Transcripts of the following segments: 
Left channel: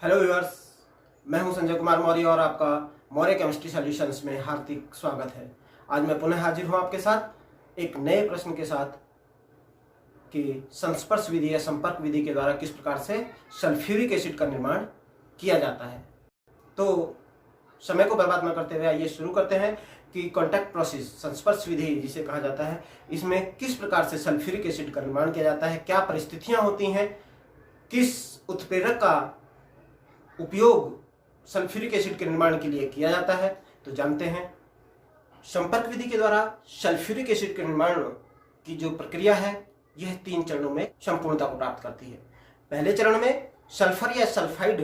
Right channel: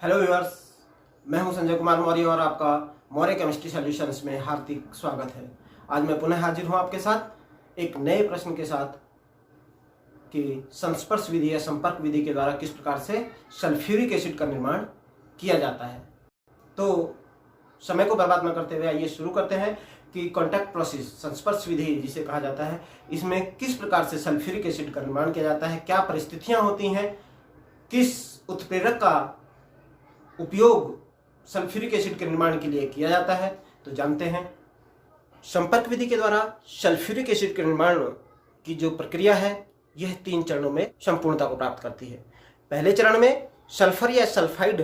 Hello viewers, मैं हूं संजय कुमार मौर्य और आपका मौर्य केमिस्ट्री सॉल्यूशंस में हार्दिक स्वागत है। आज मैं पुनः हाजिर हूं आपके साथ एक नए प्रश्न के साथ कि संस्पर्श विधि या संपर्क विधि के द्वारा किस प्रकार से सल्फ्यूरिक एसिड का निर्माण किया जाता है। तो समय को बर्बाद न करते हुए आइए शुरू करते हैं कि कॉन्टैक्ट प्रोसेस, संस्पर्श विधि जिसे कहा जाता है, इसमें किस प्रकार से सल्फ्यूरिक एसिड का निर्माण किया जाता है, क्या परिस्थितियां होती हैं, किस उत्प्रेरक का उपयोग सल्फ्यूरिक एसिड के निर्माण के लिए किया जाता है। तो जानते हैं। संपर्क विधि के द्वारा सल्फ्यूरिक एसिड के निर्माण की जो प्रक्रिया है यह 3 चरणों में संपूर्णता को प्राप्त करती है। पहले चरण में सल्फर या सल्फाइड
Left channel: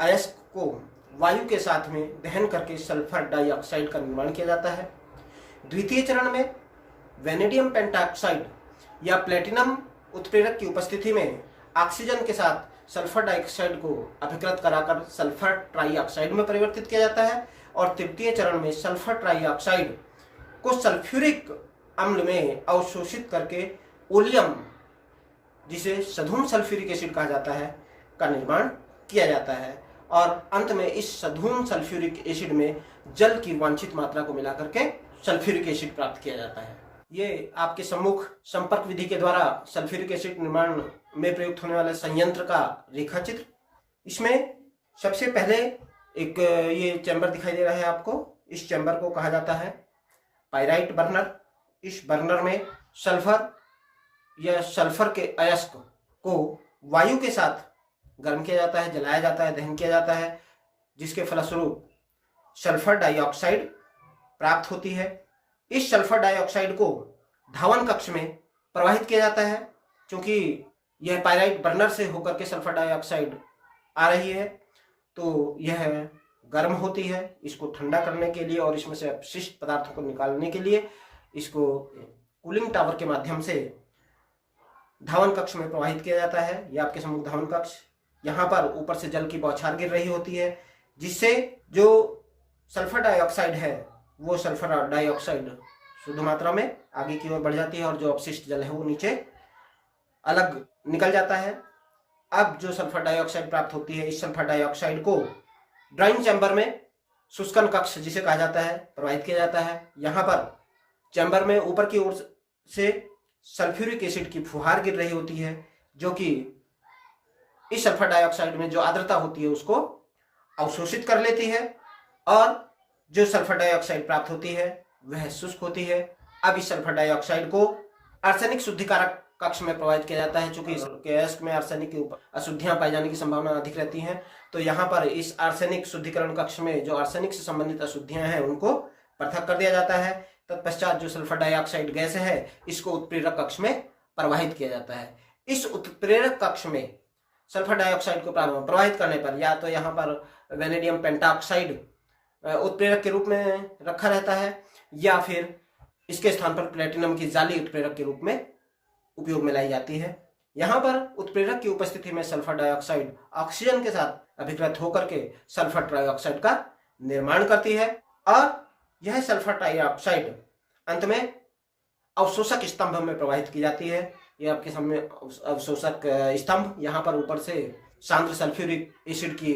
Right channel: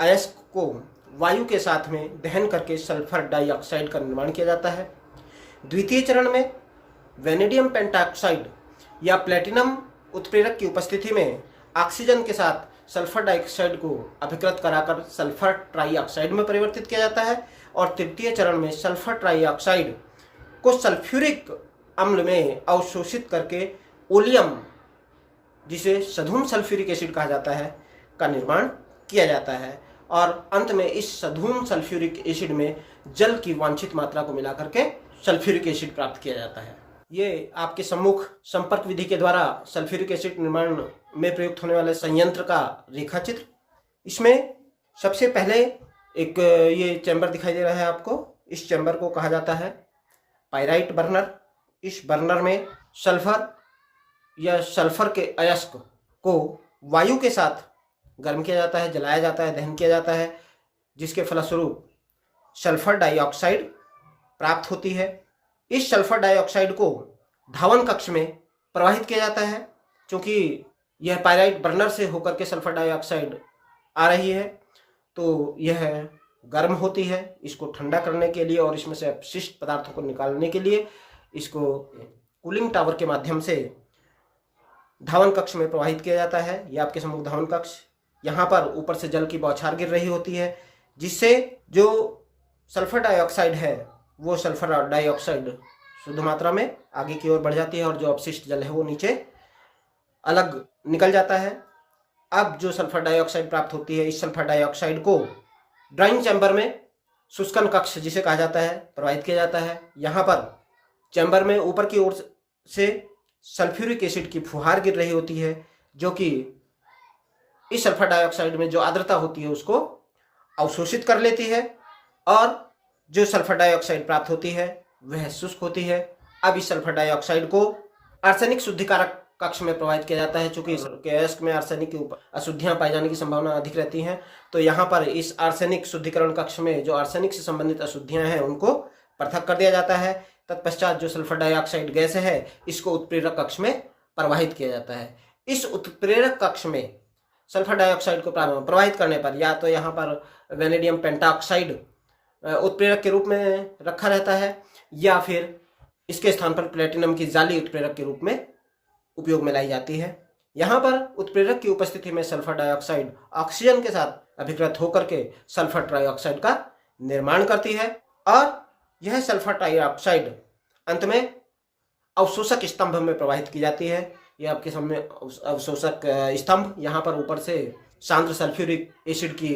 अयस्क को वायु के साथ में दहन करके सल्फर डाइऑक्साइड का निर्माण किया जाता है। द्वितीय चरण में वेनेडियम पेंटाऑक्साइड या प्लेटिनम उत्प्रेरक की उपस्थिति में ऑक्सीजन के साथ सल्फर डाइऑक्साइड को अभिकृत कराकर सल्फर ट्राइऑक्साइड में परिवर्तित किया जाता है। और तृतीय चरण में सल्फर ट्राइऑक्साइड को सल्फ्यूरिक अम्ल में अवशोषित करके ओलियम, जिसे सधूम सल्फ्यूरिक एसिड कहा जाता है, का निर्माण किया जाता है। और अंत में इस सधूम सल्फ्यूरिक एसिड में जल की वांछित मात्रा को मिला करके सल्फ्यूरिक एसिड प्राप्त किया जाता है। ये आपके सम्मुख संपर्क विधि के द्वारा सल्फ्यूरिक एसिड निर्माण में प्रयुक्त होने वाले संयंत्र का रेखा चित्र। इसमें सबसे पहले एक ये चैम्बर दिखाई दे रहा है आपको। इस चैम्बर को कहा जाता है पाइराइट बर्नर। इस बर्नर में सल्फर या सल्फर के अयस्क को वायु के साथ गर्म किया जाता है, जलाया जाता है, दहन किया जाता है, जिसके फलस्वरूप सल्फर डाइऑक्साइड प्राप्त होती है। इस सल्फर डाइऑक्साइड को धावन कक्ष में प्रवाहित किया जाता है। क्योंकि यह पाइराइट बर्नर से होकर के सल्फर डाइऑक्साइड आ रही है तो यह गर्म होती है। इसको ठंडा करने के लिए और इसमें से अपशिष्ट पदार्थों को निकालने के लिए इसको कूलिंग टावर के माध्यम से धावन कक्ष में प्रवाहित किया जाता है। यह आपके सम्मुख धावन कक्ष। यहाँ पर ऊपर से जल की बौछार गिर रही होती है, जिससे जो सल्फर डाइऑक्साइड है वो सल्फर डाइऑक्साइड शुद्ध मात्रा में आगे की ओर बढ़ जाती है और जो अपशिष्ट जल है वो नीचे अलग निकल जाता है। अब जो सल्फर डाइऑक्साइड प्राप्त होती है, इस सल्फर डाइऑक्साइड को ड्राइंग चैम्बर में शुष्कन कक्ष जिसे कहा जाता है प्रवाहित किया जाता है। यहाँ पर चैम्बर में ऊपर की ओर से सल्फ्यूरिक एसिड की फुहार गिर रही होती है, जो कि इस सल्फर डाइऑक्साइड में जो आर्द्रता होती है उसको अवशोषित कर लेती है और जो सल्फर डाइऑक्साइड प्राप्त होती है वह शुष्क होती है। अब इस सल्फर डाइऑक्साइड को आर्सेनिक शुद्धिकारक कक्ष में प्रवाहित किया जाता है। चूंकि इसके अयस्क में आर्सेनिक की अशुद्धियां पाई जाने की संभावना अधिक रहती है, तो यहाँ पर इस आर्सेनिक शुद्धिकरण कक्ष में जो आर्सेनिक से संबंधित अशुद्धियां हैं उनको पृथक कर दिया जाता है। तत्पश्चात जो सल्फर डाइऑक्साइड गैस है इसको उत्प्रेरक कक्ष में प्रवाहित किया जाता है। इस उत्प्रेरक कक्ष में सल्फर डाइऑक्साइड को प्रवाहित करने पर या तो यहाँ पर वेनेडियम पेंटाऑक्साइड उत्प्रेरक के रूप में रखा रहता है या फिर इसके स्थान पर प्लेटिनम की जाली उत्प्रेरक के रूप में उपयोग में लाई जाती है। यहाँ पर उत्प्रेरक की उपस्थिति में सल्फर डाइऑक्साइड ऑक्सीजन के साथ अभिकृत होकर के सल्फर ट्राइऑक्साइड का निर्माण करती है और यह सल्फर ट्राइऑक्साइड अंत में अवशोषक स्तंभ में प्रवाहित की जाती है। यह आपके सामने अवशोषक स्तंभ। यहाँ पर ऊपर से सांद्र सल्फ्यूरिक एसिड की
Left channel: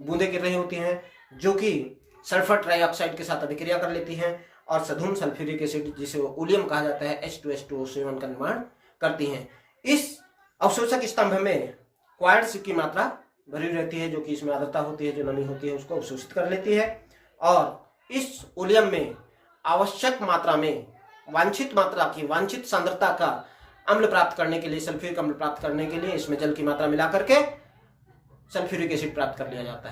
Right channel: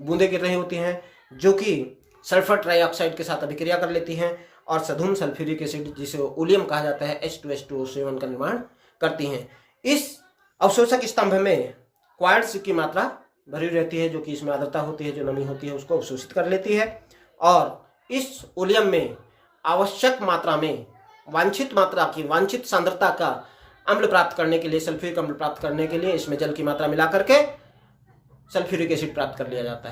बूंदें गिर रही होती हैं, जो कि सल्फर ट्राइऑक्साइड के साथ अभिक्रिया कर लेती हैं और सधूम सल्फ्यूरिक एसिड, जिसे ओलियम कहा जाता है, H2SO7 का निर्माण करती हैं। इस अवशोषक स्तंभ में क्वार्ट्ज की मात्रा भरी रहती है, जो कि इसमें आर्द्रता होती है, जो नमी होती है उसको अवशोषित कर लेती है। और इस ओलियम में आवश्यक मात्रा में वांछित मात्रा की वांछित सांद्रता का अम्ल प्राप्त करने के लिए, सल्फ्यूरिक अम्ल प्राप्त करने के लिए इसमें जल की मात्रा मिला करके सल्फ्यूरिक एसिड प्राप्त कर लिया जाता